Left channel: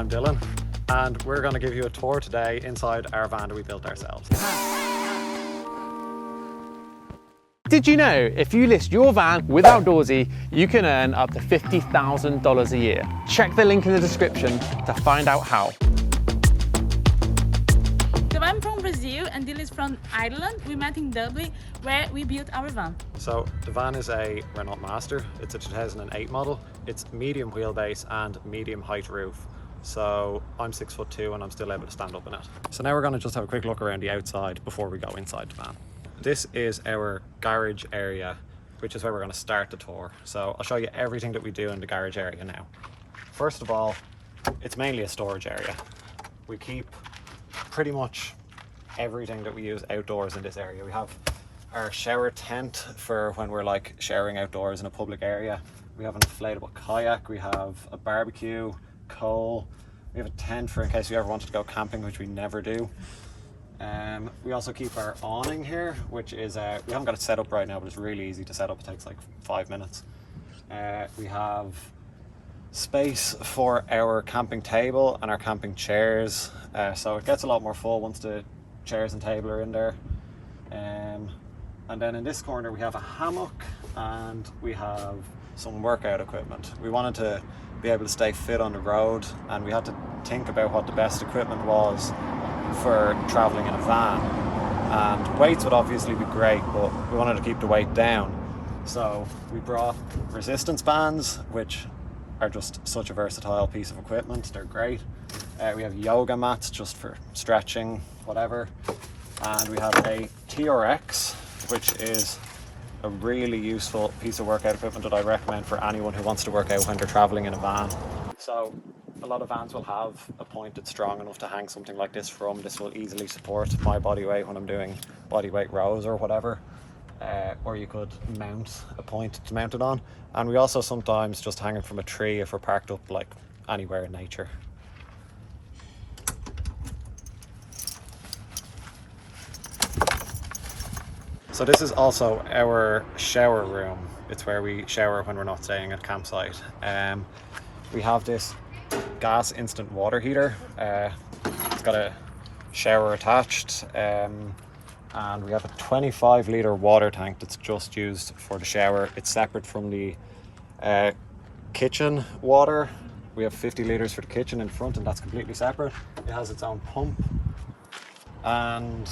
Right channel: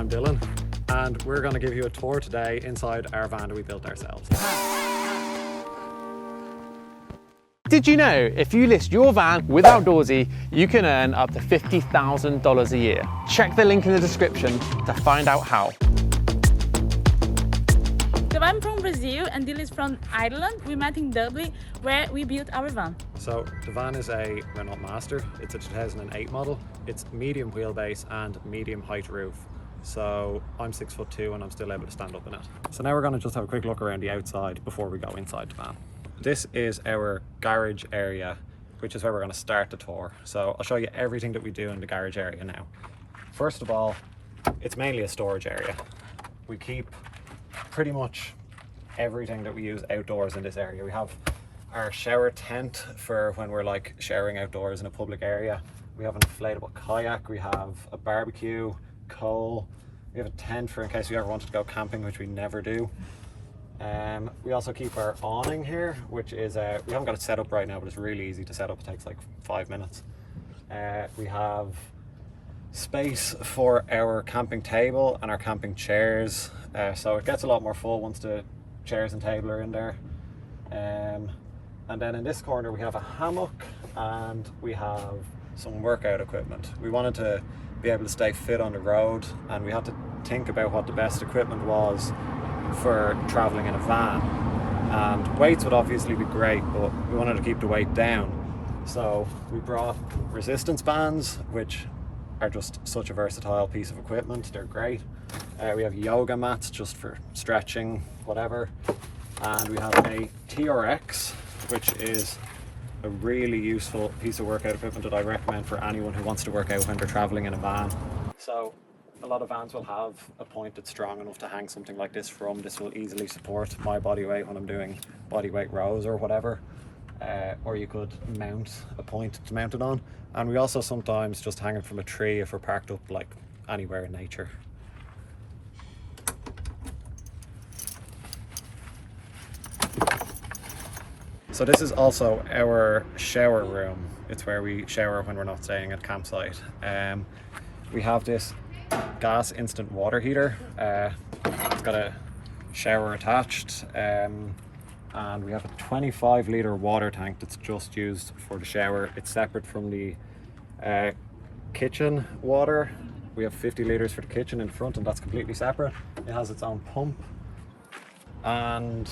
I'm Dylan, and we're going to give you a tour today inside our van that we built ourselves. Did you know if you list your van with Outdoorsy, you can earn up to $50,000 a year? Check the link in the description to find out how. So I'm from Brazil and Dylan is from Ireland. We met in Dublin where we built our van. So the van is a Renault Master. It's a 2008 model. It's medium wheelbase and medium height roof. So I'm 6'2" and I'm still able to stand up in it. So now we're going to just have a quick look around the outside before we go inside the van. This is our garage area, which is where we're going to start the tour. So I'll show you everything that we do in the garage area now. First of all, it's mainly a storage area. We keep pretty much everything that we use outdoors in this area. We have our shower tent for when we're like showering outdoors in a public area. We have an inflatable kayak. We have a barbecue, coal. We have a tent for in case we ever wanted to go camping, which we never do. We also keep our awning here, which is, we haven't got it set up right now, but it's really easy to set up. It takes like 5 minutes. We have space for our camping table and our camping chairs. So it gets a lot more full once the chairs and table are in there. And then in this corner we have a hammock and we have some workout equipment. We wanted to be able to stay fit on the road, and we had to think about what the best equipment was for traveling in a van. And weights would obviously be great, but we wanted to keep the weight down. So we brought resistance bands, which are just such a versatile piece of equipment. They're great. We have yoga mats just for stretching, whatever. And we have a TRX, which is a really useful piece of workout equipment that I recommend for anyone who wants to work out when they're traveling in a van. So a lot of vans will have a point that's strong enough to hang something like this from. This will easily support my body weight when I'm doing body weight rows or whatever. Or you could mount a point to mount it on. And we also sometimes just hang it from a tree if we're parked up like anywhere in nature. So this is also our shower room. It's where we shower when we're not staying at campsite. We have this gas instant water heater. It's got a shower attached, and we have a 25-litre water tank that's just used for the shower. It's separate from the kitchen water. We have 50 litres for the kitchen in front, and that's completely separate. It has its own pump, and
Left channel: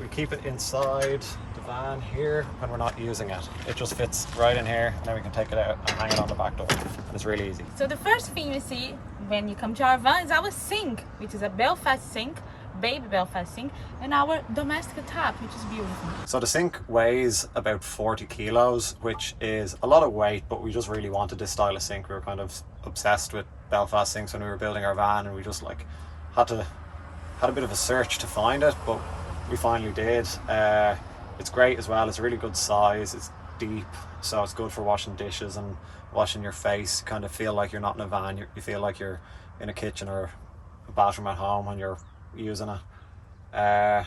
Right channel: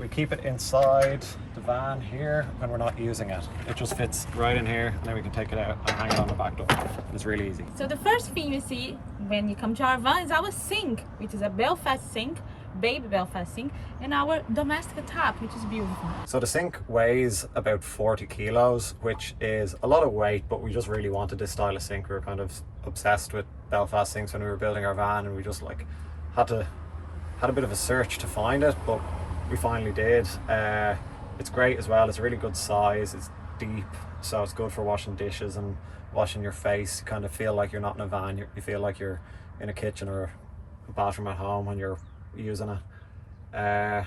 we keep it inside the van here when we're not using it. It just fits right in here, and then we can take it out and hang it on the back door, and it's really easy. So the first thing you see when you come to our van is our sink, which is a Belfast sink, baby Belfast sink, and our domestic tap, which is beautiful. So the sink weighs about 40 kilos, which is a lot of weight, but we just really wanted this style of sink. We were kind of obsessed with Belfast sinks when we were building our van, and we just like had a bit of a search to find it, but we finally did. It's great as well. It's a really good size. It's deep, so it's good for washing dishes and washing your face. Kind of feel like you're not in a van. You feel like you're in a kitchen or a bathroom at home when you're using it.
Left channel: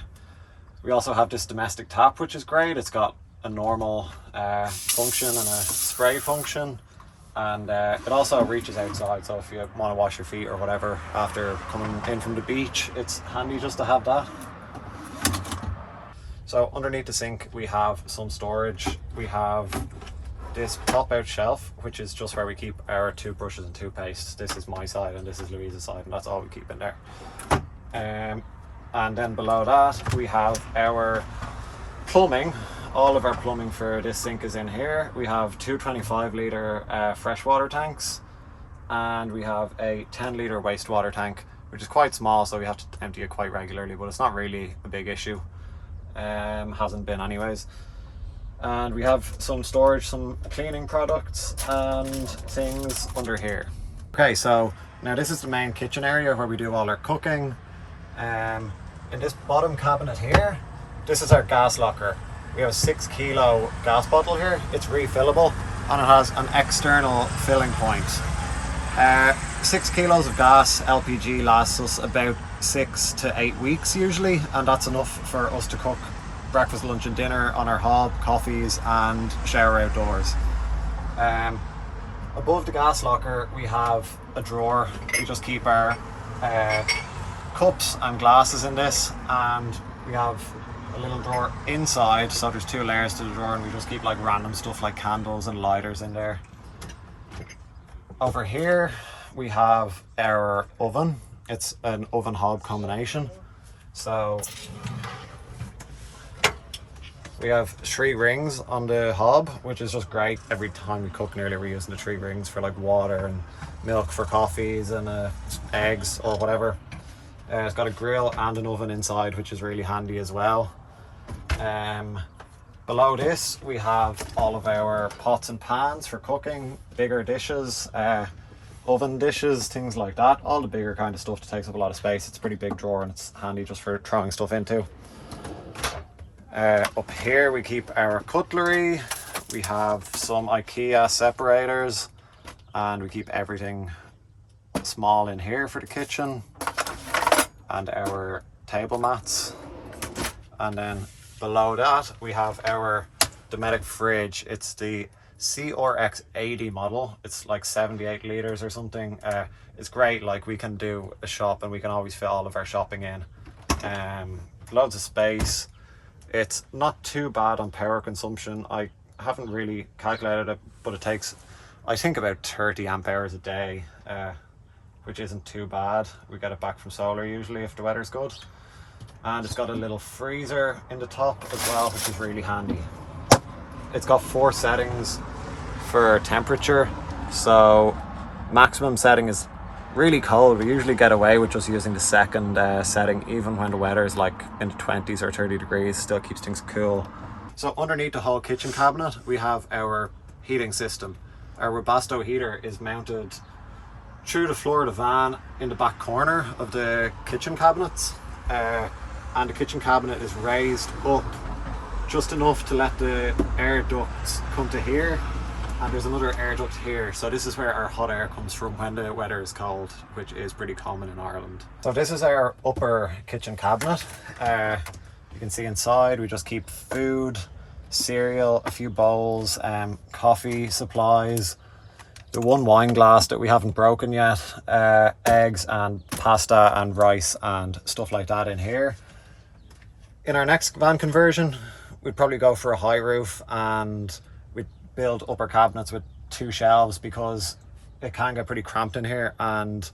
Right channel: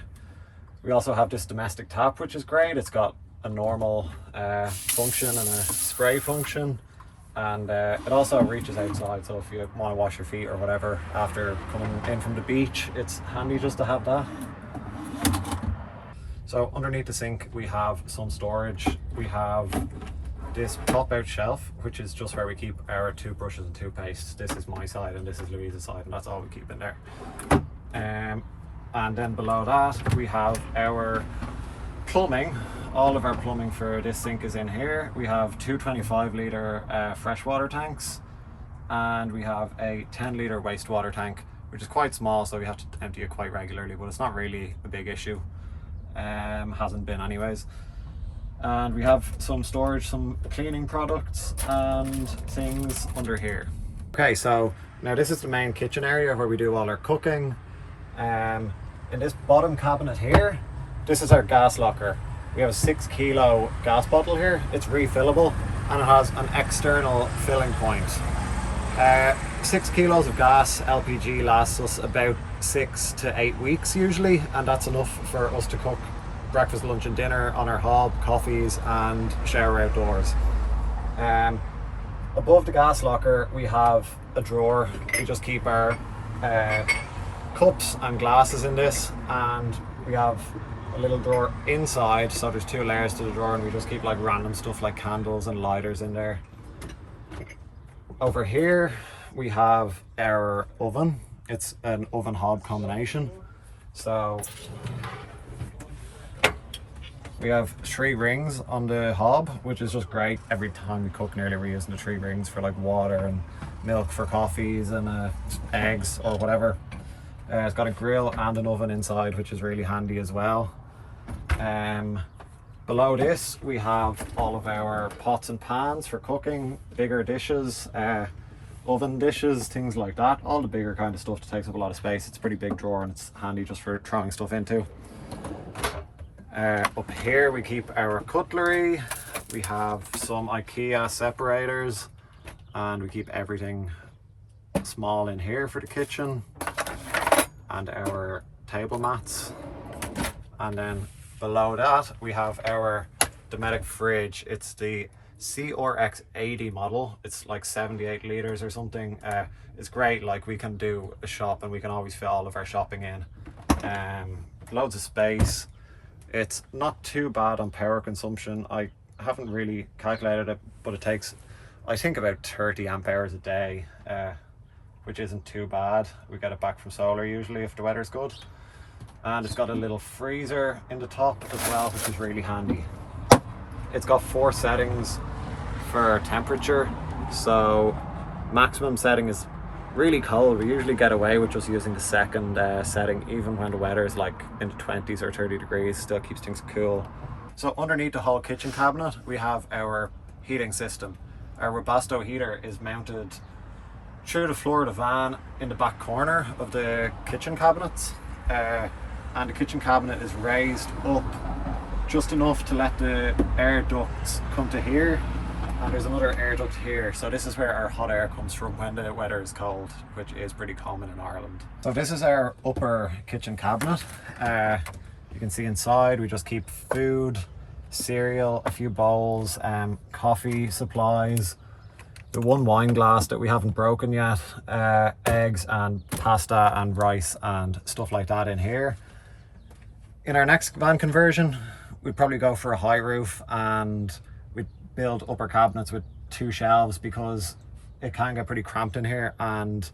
We also have this domestic tap, which is great. It's got a normal function and a spray function, and it also reaches outside, so if you want to wash your feet or whatever after coming in from the beach, it's handy just to have that. So underneath the sink we have some storage. We have this pop-out shelf, which is just where we keep our toothbrushes and toothpaste. This is my side and this is Louisa's side, and that's all we keep in there. And then below that we have our plumbing. All of our plumbing for this sink is in here. We have two 25-litre freshwater tanks, and we have a 10-litre wastewater tank, which is quite small, so we have to empty it quite regularly, but it's not really a big issue. Hasn't been anyways. And we have some storage, some cleaning products and things under here. Okay, so now this is the main kitchen area where we do all our cooking. In this bottom cabinet here, this is our gas locker. We have a 6 kilo gas bottle here. It's refillable and it has an external filling point. 6 kilos of gas LPG lasts us about 6 to 8 weeks usually, and that's enough for us to cook breakfast, lunch and dinner on our hob, coffees and shower outdoors. Above the gas locker we have a drawer. We just keep our cups and glasses in this, and we have a little drawer inside, so there's 2 layers to the drawer, and we just keep like random stuff like candles and lighters in there. Over here we have our oven. It's an oven hob combination. So we have 3 rings on the hob, which is just great. Every time we cook nearly, we're using the 3 rings for like water and milk for coffees and eggs or whatever. It's got a grill and an oven inside, which is really handy as well. Below this we have all of our pots and pans for cooking, bigger dishes, oven dishes, things like that. All the bigger kind of stuff that takes up a lot of space. It's a pretty big drawer and it's handy just for throwing stuff into. Up here we keep our cutlery. We have some IKEA separators, and we keep everything small in here for the kitchen, and our table mats. And then below that we have our Dometic fridge. It's the CRX 80 model. It's like 78 litres or something. It's great, like we can do a shop and we can always fit all of our shopping in. Loads of space. It's not too bad on power consumption. I haven't really calculated it, but it takes, I think, about 30 amp hours a day, which isn't too bad. We get it back from solar usually if the weather's good. And it's got a little freezer in the top as well, which is really handy. It's got 4 settings for temperature. So maximum setting is really cold. We usually get away with just using the second setting, even when the weather is like in the 20s or 30 degrees, still keeps things cool. So underneath the whole kitchen cabinet we have our heating system. Our Webasto heater is mounted through the floor of the van in the back corner of the kitchen cabinets, and the kitchen cabinet is raised up just enough to let the air ducts come to here, and there's another air duct here. So this is where our hot air comes from when the weather is cold, which is pretty common in Ireland. So this is our upper kitchen cabinet. You can see inside we just keep food, cereal, a few bowls, coffee supplies, the 1 wine glass that we haven't broken yet, eggs and pasta and rice and stuff like that in here. In our next van conversion we'd probably go for a high roof, and we'd build upper cabinets with 2 shelves because it can get pretty cramped in here, and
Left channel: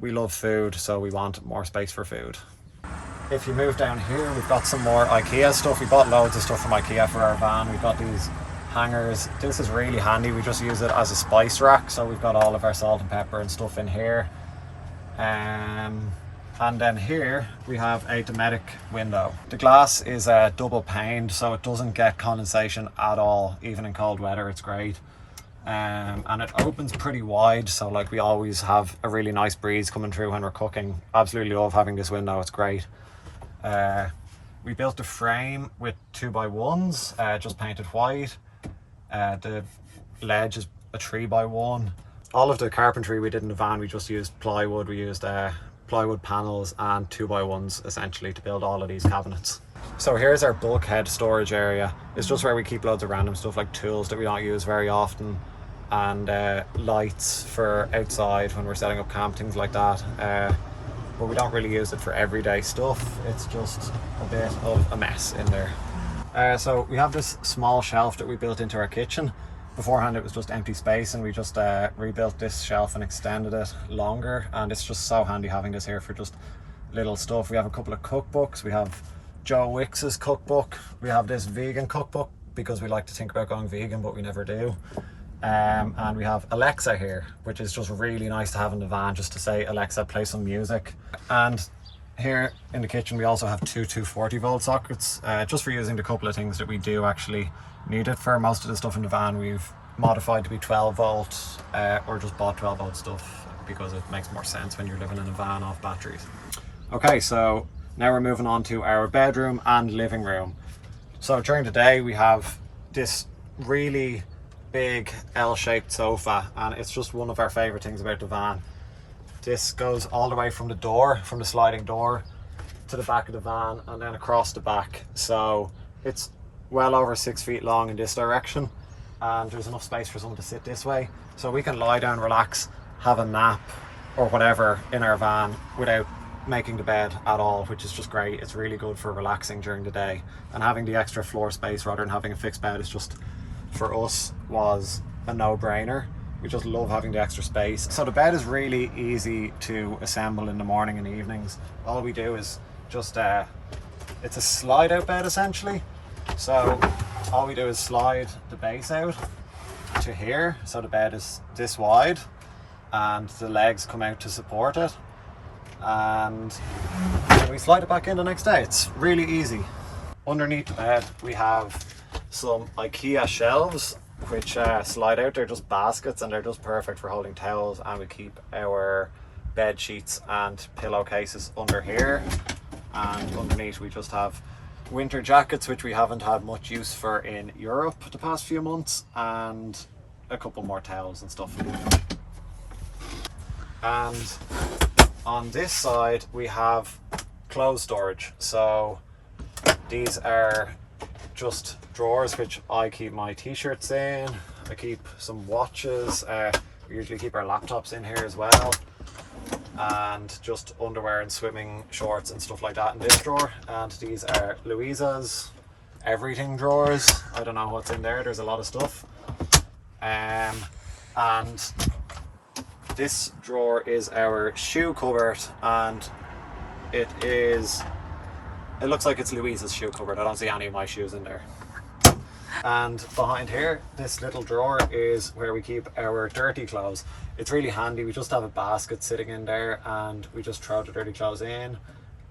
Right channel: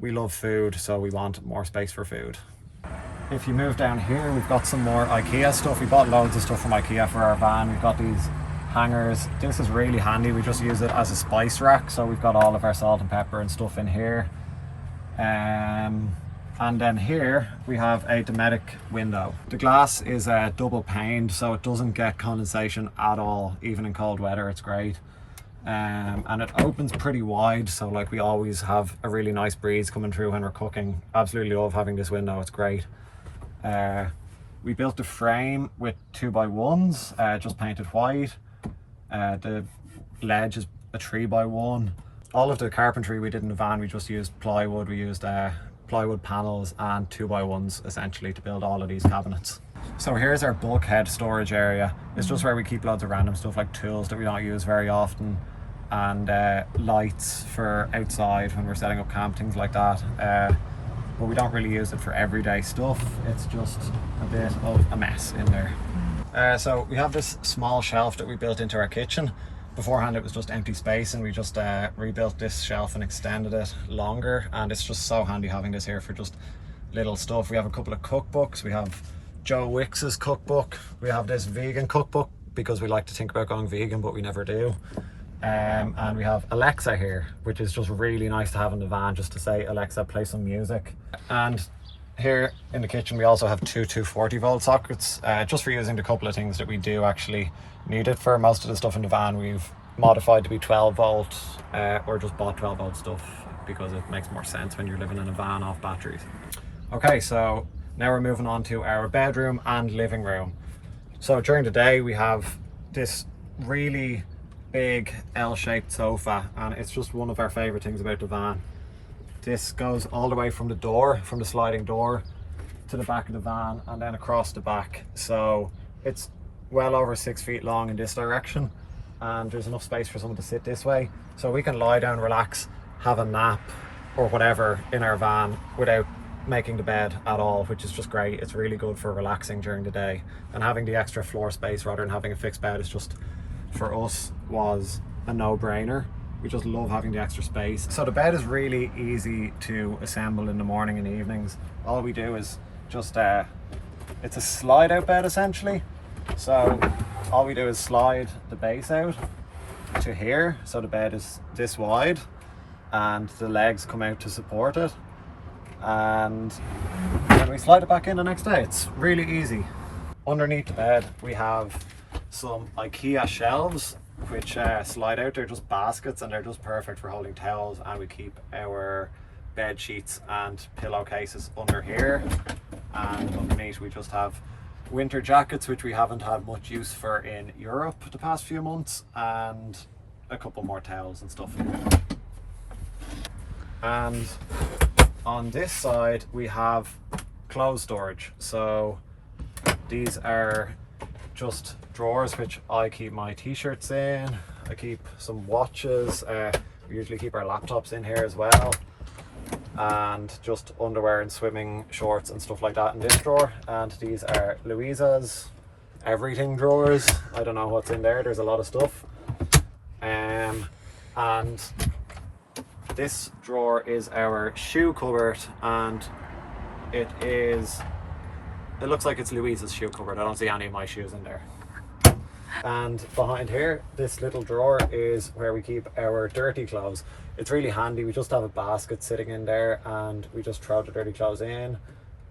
we love food, so we want more space for food. If you move down here, we've got some more IKEA stuff. We bought loads of stuff from IKEA for our van. We've got these hangers. This is really handy. We just use it as a spice rack, so we've got all of our salt and pepper and stuff in here. And then here we have a Dometic window. The glass is double paned, so it doesn't get condensation at all. Even in cold weather, it's great. And it opens pretty wide, so like we always have a really nice breeze coming through when we're cooking. Absolutely love having this window, it's great. We built the frame with 2x1s, just painted white. The ledge is a 3x1. All of the carpentry we did in the van, we just used plywood. We used plywood panels and 2x1s essentially to build all of these cabinets. So here's our bulkhead storage area. It's just where we keep loads of random stuff like tools that we don't use very often, and lights for outside when we're setting up camp, things like that. But we don't really use it for everyday stuff. It's just a bit of a mess in there. So we have this small shelf that we built into our kitchen. Beforehand it was just empty space, and we just rebuilt this shelf and extended it longer, and it's just so handy having this here for just little stuff. We have a couple of cookbooks. We have Joe Wicks's cookbook. We have this vegan cookbook because we like to think about going vegan, but we never do. And we have Alexa here, which is just really nice to have in the van, just to say, Alexa, play some music. And here in the kitchen we also have 2 240 volt sockets, just for using the couple of things that we do actually need it for. Most of the stuff in the van we've modified to be 12 volt, or just bought 12 volt stuff because it makes more sense when you're living in a van off batteries. Okay, so now we're moving on to our bedroom and living room. So during the day we have this really big L-shaped sofa, and it's just one of our favorite things about the van. This goes all the way from the door, from the sliding door to the back of the van, and then across the back. So it's well over 6 feet long in this direction, and there's enough space for someone to sit this way, so we can lie down, relax, have a nap or whatever in our van without making the bed at all, which is just great. It's really good for relaxing during the day, and having the extra floor space rather than having a fixed bed is just, for us, was a no-brainer. We just love having the extra space. So the bed is really easy to assemble in the morning and evenings. All we do is just it's a slide out bed essentially. So all we do is slide the base out to here, so the bed is this wide and the legs come out to support it, and then we slide it back in the next day. It's really easy. Underneath the bed we have some IKEA shelves which slide out. They're just baskets and they're just perfect for holding towels, and we keep our bed sheets and pillowcases under here, and underneath we just have winter jackets which we haven't had much use for in Europe the past few months, and a couple more towels and stuff. And on this side we have clothes storage. So these are just drawers which I keep my t-shirts in. I keep some watches. We usually keep our laptops in here as well, and just underwear and swimming shorts and stuff like that in this drawer. And these are Luiza's everything drawers. I don't know what's in there. There's a lot of stuff. And this drawer is our shoe cupboard, and it looks like it's Louisa's shoe cupboard. I don't see any of my shoes in there. And behind here, this little drawer is where we keep our dirty clothes. It's really handy. We just have a basket sitting in there and we just throw the dirty clothes in,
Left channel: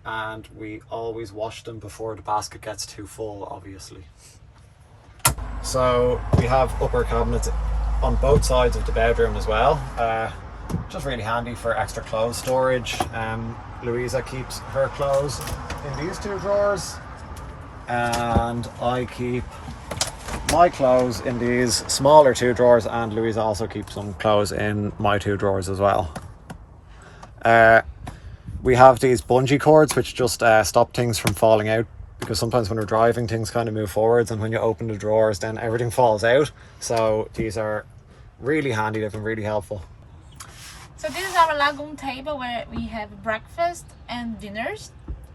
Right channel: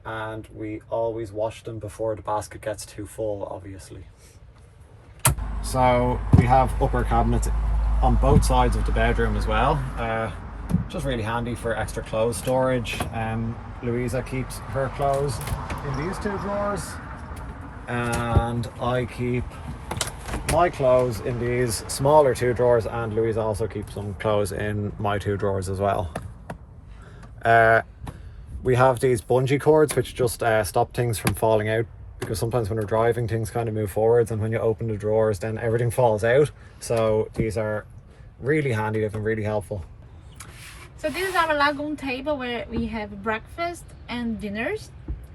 and we always wash them before the basket gets too full, obviously. So we have upper cabinets on both sides of the bedroom as well. Just really handy for extra clothes storage. Luiza keeps her clothes in these two drawers, and I keep my clothes in these smaller two drawers, and Luiza also keeps some clothes in my two drawers as well. We have these bungee cords which just stop things from falling out, because sometimes when we're driving things kind of move forwards, and when you open the drawers then everything falls out. So these are really handy. They've been really helpful. So this is our lagoon table where we have breakfast and dinners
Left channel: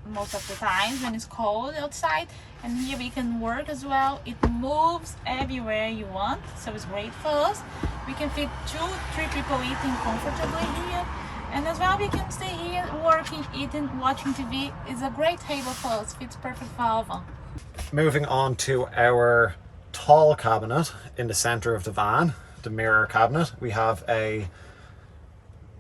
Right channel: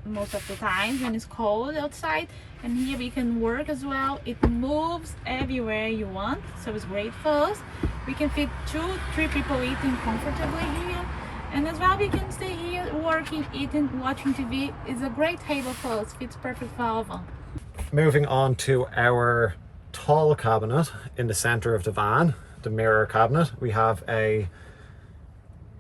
most of the time when it's cold outside, and here we can work as well. It moves everywhere you want, so it's great for us. We can fit 2-3 people eating comfortably here, and as well we can stay here working, eating, watching TV. It's a great table for us. Fits perfect for all of them. Moving on to our tall cabinet in the center of the van, the mirror cabinet. We have a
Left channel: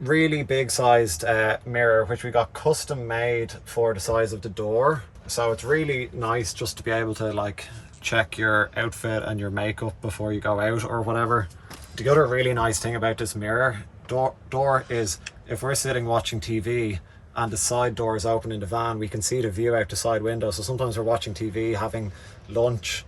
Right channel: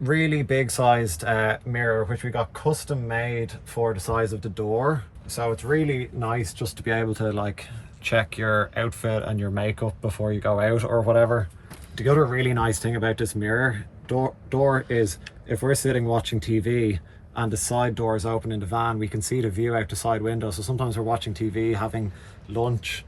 really big sized mirror which we got custom made for the size of the door, so it's really nice just to be able to like check your outfit and your makeup before you go out or whatever. The other really nice thing about this mirror door is if we're sitting watching TV and the side door is open in the van, we can see the view out the side window. So sometimes we're watching TV, having lunch,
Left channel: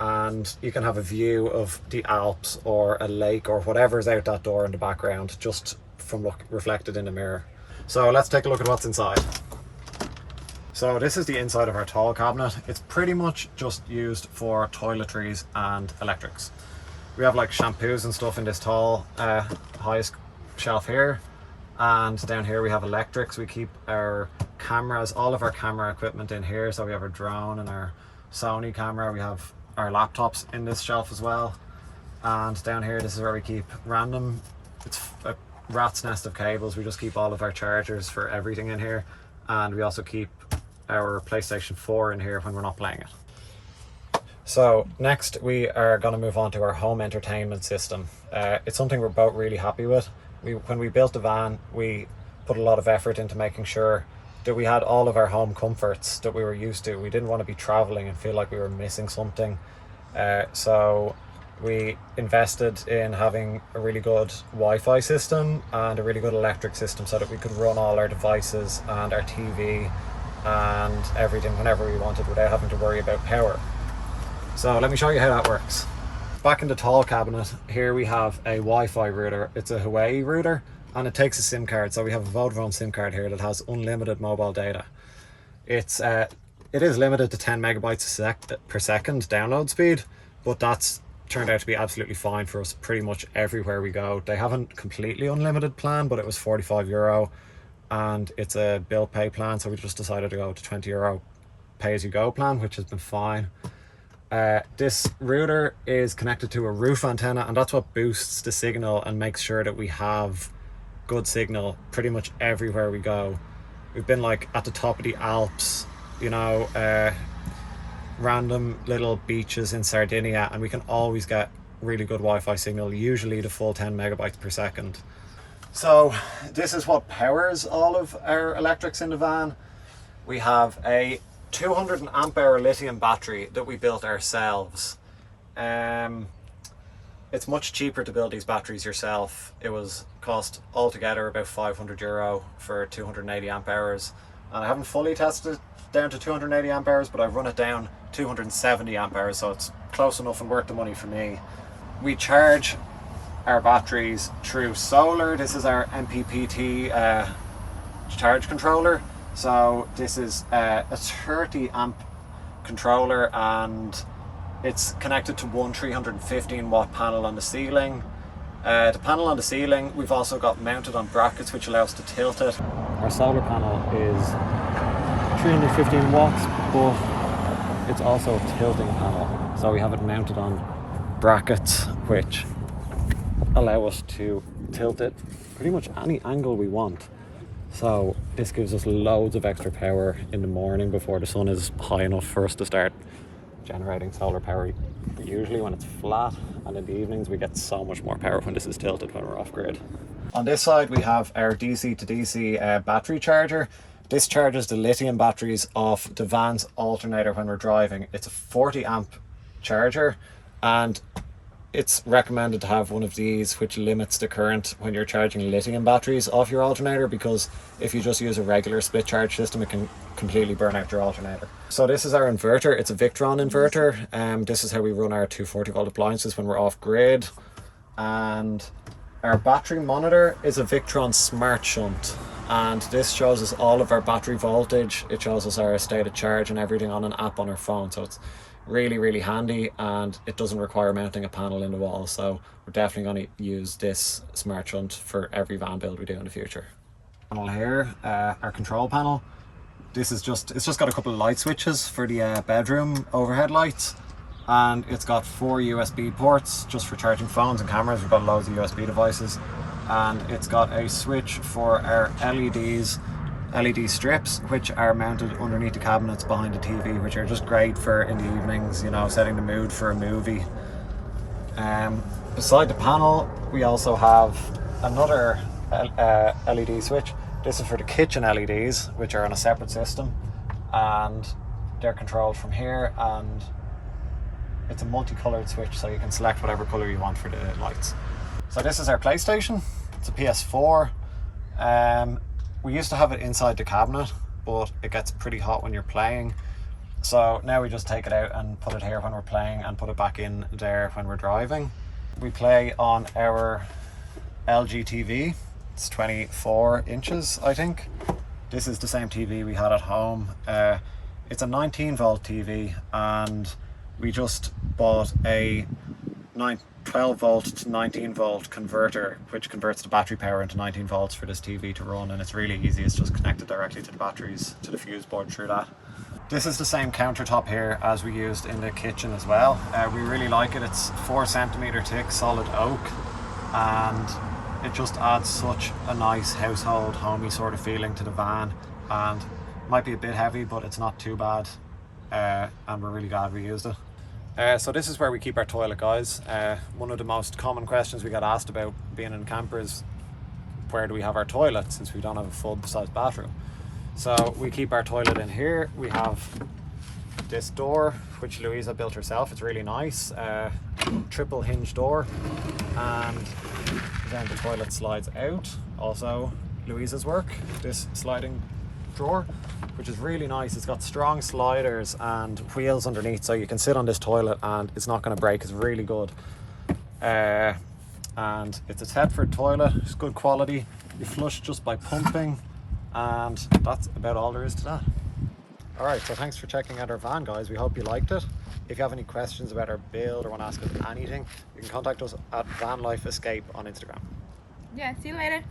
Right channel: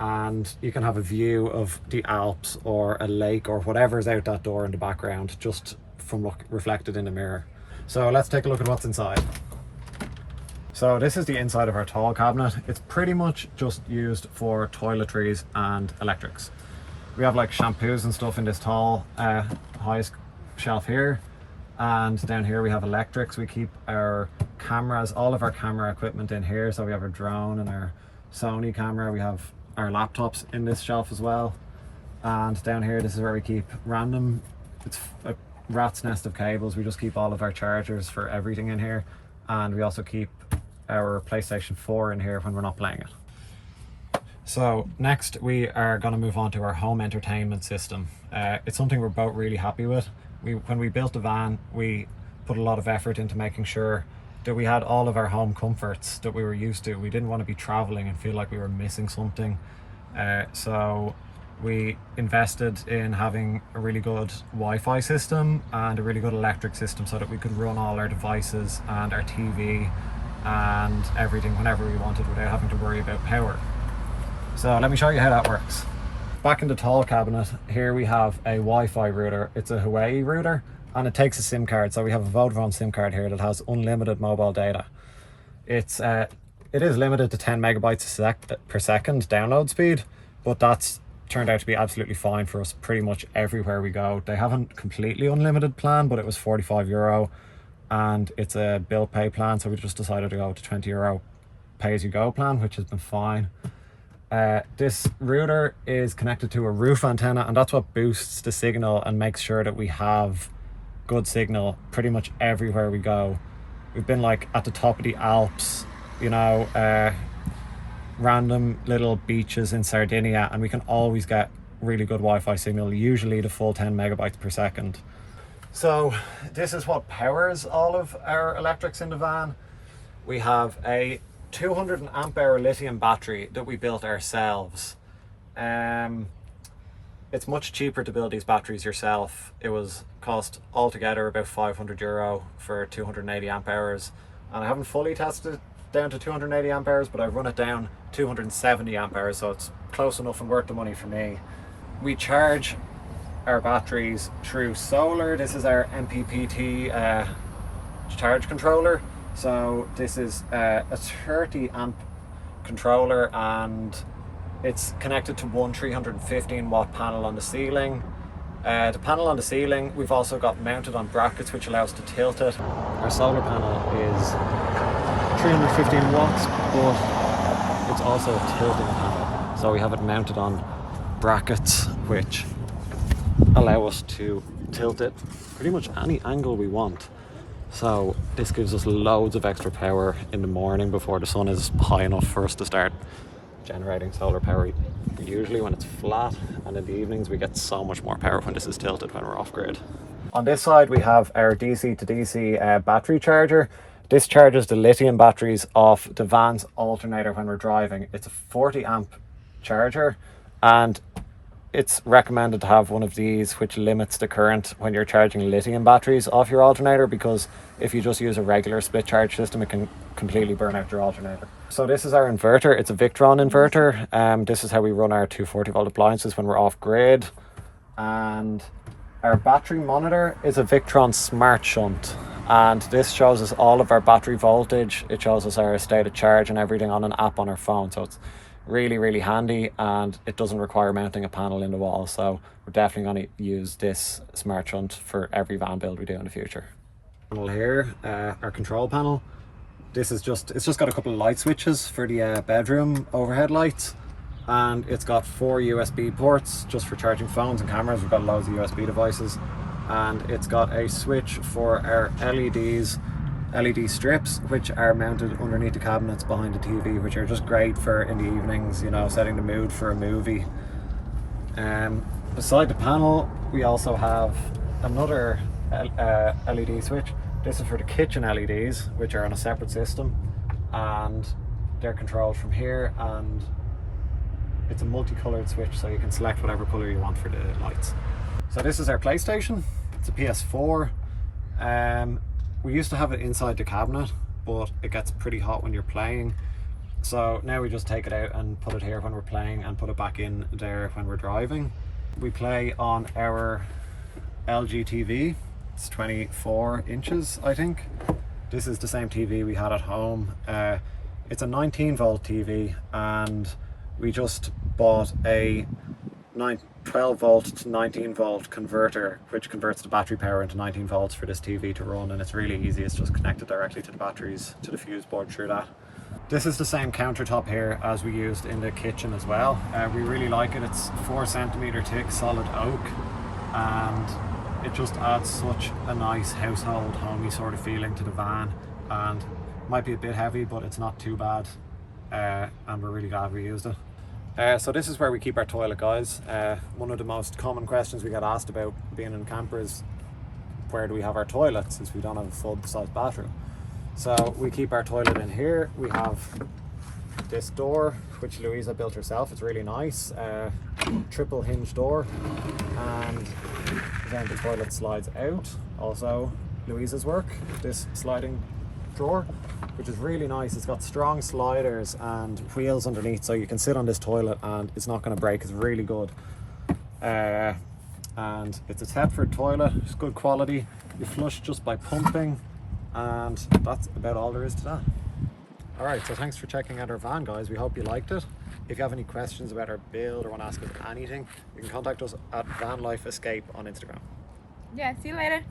and you can have a view of the Alps or a lake or whatever's out that door in the background, just from reflected in the mirror. So let's take a look at what's inside. So this is the inside of our tall cabinet. It's pretty much just used for toiletries and electrics. We have like shampoos and stuff in this tall highest shelf here, and down here we have electrics. We keep our cameras, all of our camera equipment in here. So we have our drone and our Sony camera. We have our laptops in this shelf as well, and down here this is where we keep random, it's a rat's nest of cables. We just keep all of our chargers for everything in here, and we also keep our PlayStation 4 in here when we're not playing it. So next we are going to move on to our home entertainment system. It's something we're both really happy with. When we built the van, we put a lot of effort into making sure that we had all of our home comforts that we were used to. We didn't want to be traveling and feel like we were missing something. So we invested in having a really good Wi-Fi system and a really good electric system so that we could run all our devices and our TV and everything whenever we wanted without having to worry about power. So let me show you how that works. Back in the tall cabinet, here we have a Wi-Fi router. It's a Huawei router, and it takes a SIM card. So we have a Vodafone SIM card here that has unlimited mobile data. It is limited to 10 megabytes per second download speed, but that's turned out to be absolutely fine for us pretty much everywhere we go. They haven't completely unlimited plan, but it was €45 and it's a bill pay plan, so we just decided to go to €20 pay as you go plan, which has been fine. This router is connected to a roof antenna, and that's what boosts the signal and makes sure that we have good signal pretty much everywhere we go. We've been like at the top of the Alps, you know, random little beaches in Sardinia, and we can always get really good Wi-Fi signal, usually the full 10 megabytes per second. So this is what powers all of our electrics in the van. We have a 200 amp hour lithium battery that we built ourselves. It's much cheaper to build these batteries yourself. It was cost altogether about €500 for 280 amp hours, and I haven't fully tested it down to 280 amp hours, but I've run it down 270 amp hours, so it's close enough and worth the money for me. We charge our batteries through solar. This is our MPPT charge controller. So this is a 30 amp controller, and it's connected to one 315 watt panel on the ceiling. The panel on the ceiling we've also got mounted on brackets, which allows to tilt it. Our solar panel is 315 watts, but it's also a tilting panel, so we have it mounted on brackets which allow us to tilt it pretty much any angle we want. So this gives us loads of extra power in the morning before the sun is high enough for us to start generating solar power, usually when it's flat, and in the evenings we get so much more power when this is tilted, when we're off grid. On this side we have our DC to DC battery charger. This charges the lithium batteries off the van's alternator when we're driving. It's a 40 amp charger, and it's recommended to have one of these which limits the current when you're charging lithium batteries off your alternator, because if you just use a regular split charge system, it can completely burn out your alternator. So this is our inverter. It's a Victron inverter. This is how we run our 240 volt appliances when we're off grid. And our battery monitor is a Victron Smart Shunt, and this shows us all of our battery voltage. It shows us our state of charge and everything on an app on our phone, so it's really handy, and it doesn't require mounting a panel in the wall. So we're definitely going to use this Smart Shunt for every van build we do in the future. Panel here, our control panel. It's just got a couple of light switches for the bedroom overhead lights, and it's got 4 USB ports just for charging phones and cameras. We've got loads of USB devices, and it's got a switch for our LED strips, which are mounted underneath the cabinets behind the TV, which are just great for in the evenings, you know, setting the mood for a movie. Beside the panel we also have another LED switch. This is for the kitchen LEDs, which are on a separate system, and they're controlled from here, and it's a multicolored switch, so you can select whatever color you want for the lights. So this is our PlayStation. It's a PS4. We used to have it inside the cabinet, but it gets pretty hot when you're playing. So now we just take it out and put it here when we're playing, and put it back in there when we're driving. We play on our LG TV. It's 24 inches, I think. This is the same TV we had at home. It's a 19 volt TV, and we just bought a 12 volt to 19 volt converter, which converts the battery power into 19 volts for this TV to run, and it's really easy. It's just connected directly to the batteries, to the fuse board through that. This is the same countertop here as we used in the kitchen as well. We really like it. It's 4 centimeter thick solid oak, and it just adds such a nice household homey sort of feeling to the van, and might be a bit heavy, but it's not too bad, and we're really glad we used it. So this is where we keep our toilet, guys. One of the most common questions we get asked about being in camper is, where do we have our toilet, since we don't have a full-size bathroom? So we keep our toilet in here. We have this door, which Luiza built herself. It's really nice, triple hinge door, and then the toilet slides out. Also Luiza's work, this sliding drawer, which is really nice. It's got strong sliders and wheels underneath, so you can sit on this toilet and it's not going to break. It's really good, and it's a Thetford toilet. It's good quality. You flush just by pumping, and that's about all there is to that. All right, so thanks for checking out our van, guys. We hope you liked it. If you have any questions about our build or want to ask us anything, you can contact us at Van Life Escape on Instagram. Yeah, see you later.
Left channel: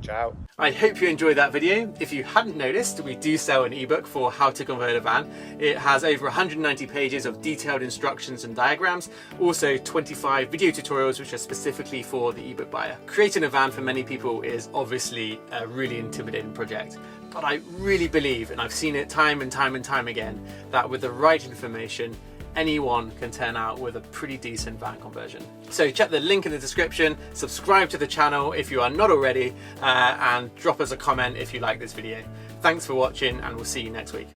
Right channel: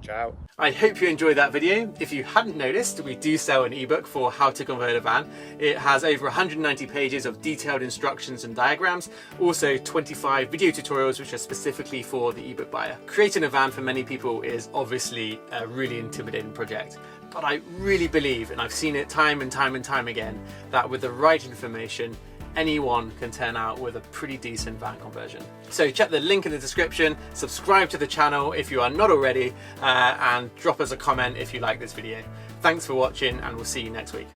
Ciao. I hope you enjoyed that video. If you hadn't noticed, we do sell an ebook for how to convert a van. It has over 190 pages of detailed instructions and diagrams, also 25 video tutorials which are specifically for the ebook buyer. Creating a van for many people is obviously a really intimidating project, but I really believe, and I've seen it time and time and time again, that with the right information, anyone can turn out with a pretty decent van conversion. So check the link in the description, subscribe to the channel if you are not already, and drop us a comment if you like this video. Thanks for watching, and we'll see you next week.